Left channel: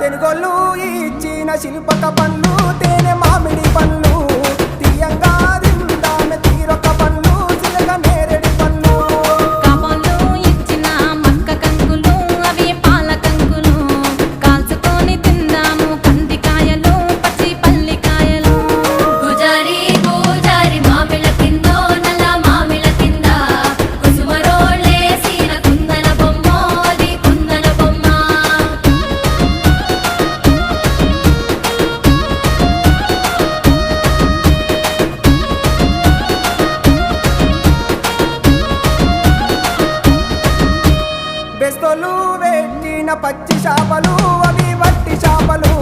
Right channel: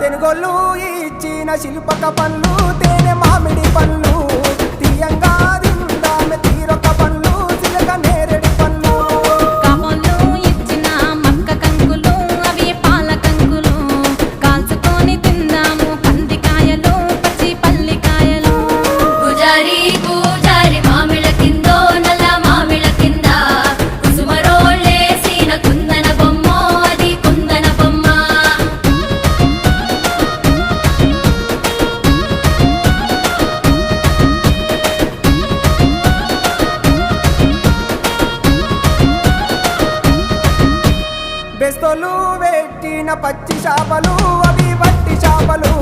తెనుగోళ్ళు ఇచ్చిన శిల్పక పండ్లు తేనె మామిడి పండ్లు తీయంగా తిందామె తీరొక్క పండ్లు చిలక నేరేడి పండ్లు కాబోళ్ళు ఇచ్చిన మక్క కంకులు అవి పాల కంకులు కాల్చుకొని తిందాము కందికాయలు పచ్చి పల్లికాయలు గుజారి గుజారి మామిళ్ళ కిందో నల్ల మామిళ్ళ కింద కుసుమరోళ్ళేసిన కుందన బొమ్మ అది కుందన బొమ్మ బెస్తోలు పెట్టిన పచ్చి చేపలు అవి వట్టి చేపలు